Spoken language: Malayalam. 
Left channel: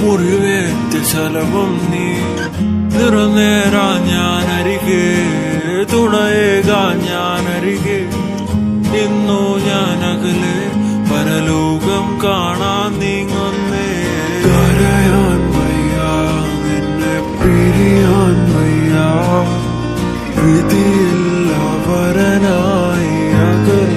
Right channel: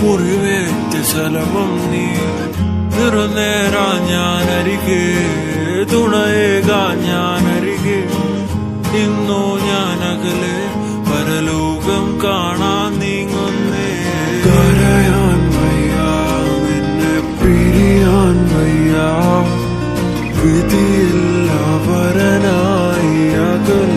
മുറിവേറ്റ ശലഭം നീ നിറനേരാ ഞാനരികെ തുണയേകാ ഞാനരികെ ഇന്നു ഞാനകലെ പരലോകം കാണാൻ നീങ്ങുന്നേ കരയാൻ വയ്യ നിന്നെ പിരിയാൻ വയ്യ വിധിയില്ല വരനായി അകൽ